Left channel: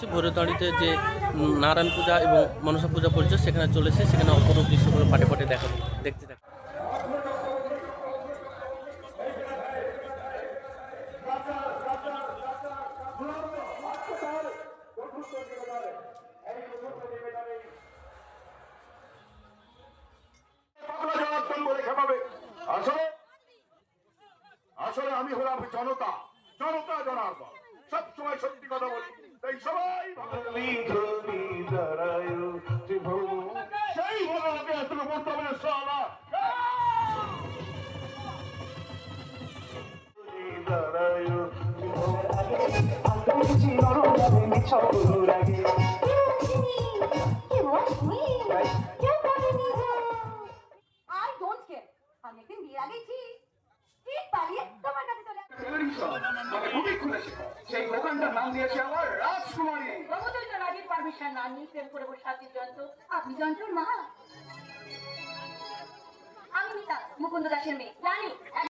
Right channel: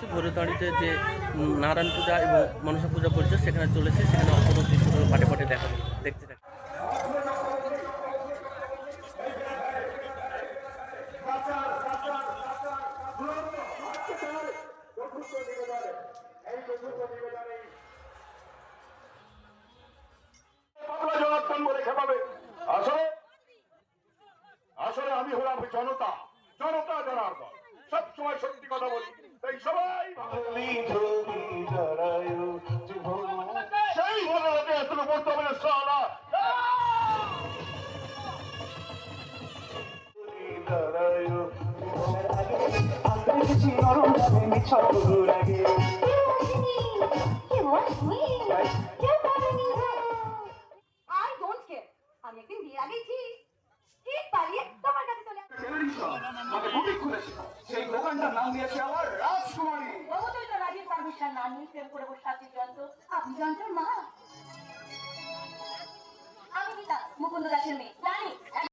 ভৈরবতাড়িতে যে নারায়ণ পূজা এবং মনসা পূজা পরিচয় সেখানে চলেছে, সেখানে অপরূপ দৃশ্যগুলো পাটে পাটে দেখাবো, দেখতে থাকি। আসলে আসলে আমি হলাম জনতা, জনতা জনার্দন, সবসময় সত্যি কথা বলি, তাই সবাই সেই ভালোকে এতটা বলতে হবে না। সালা আমি একদিন বিয়ে আগেছি ঠিক পালিয়ে তোমার কাছে চলে সেই দোকানটার নাম দিয়েছে আমার রাজকুমারী। রমচন্দ্র রাজের পারমিশন না নিয়ে প্রেম করে বসে আছি যন্ত্র। আপনি যন্ত্র মা। আমি মুকুন্দ দাসের মেয়ে জানি।